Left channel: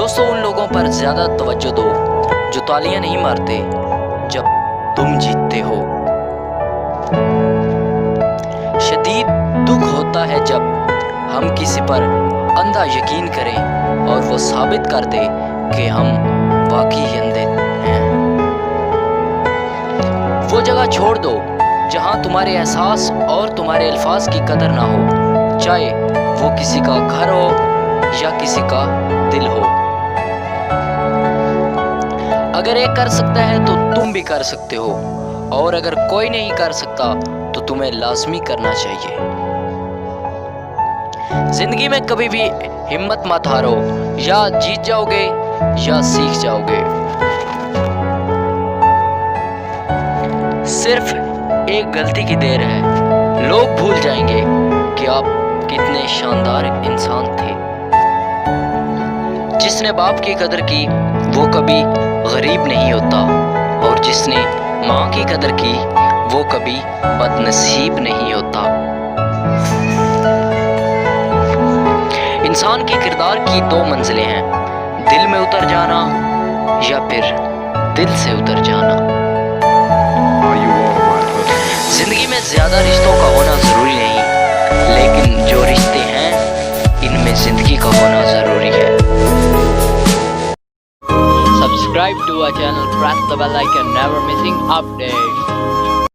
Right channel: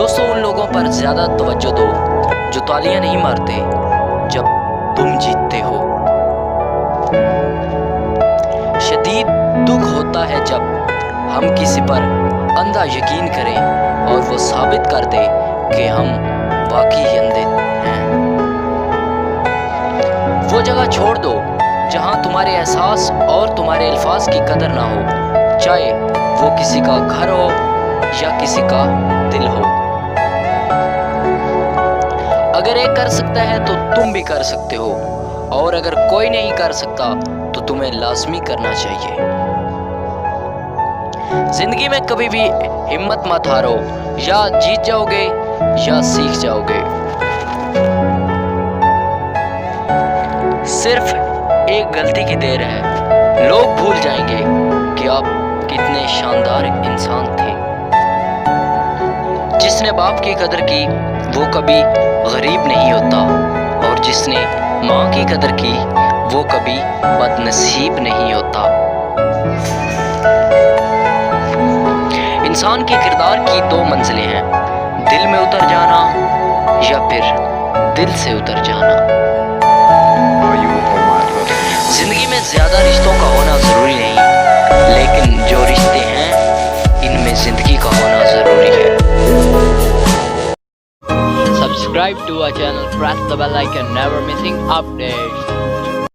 दोस्तों, उन लोगों पर ज़्यादा तवज्जो दो जो तालियां नहीं मारते जब तुम जीतते हो। शदीद दुख होता है जब हम किसी पर अंधा यकीन करें और वो साबित कर दे कि हम वाकई अंधे हैं। वो जगह छोड़ दो जहां तुम्हारे एहसास और तुम्हारे अल्फाज की कदर ना हो, चाहे वो किसी का घर हो या किसी का दिल हो। अगर एक कर सकता है तो तुम भी कर सकते हो, और अगर कोई नहीं कर सकता तो तुम्हें लाजमी करना चाहिए। जिंदगी में कभी भी हिम्मत मत हारो, या जीत जाओगे या सीख जाओगे। सिर्फ एक गलती की देर है, लोग भूल जाएंगे कि आप कितने शानदार इंसान थे। जिसने बाप की कदर की वो कभी गरीब नहीं होता, और जिसने माँ की कदर की वो कभी बदनसीब नहीं होता। इंसान के किरदार की दो मंजिलें हैं, दिल में उतर जाना या फिर दिल से उतर जाना। जिंदगी में ज्यादा रिश्तों का होना जरूरी नहीं, लेकिन जो रिश्ते हैं इनमें जिंदगी का होना जरूरी है। Subscribe to our channel, press the bell icon, never missing updates.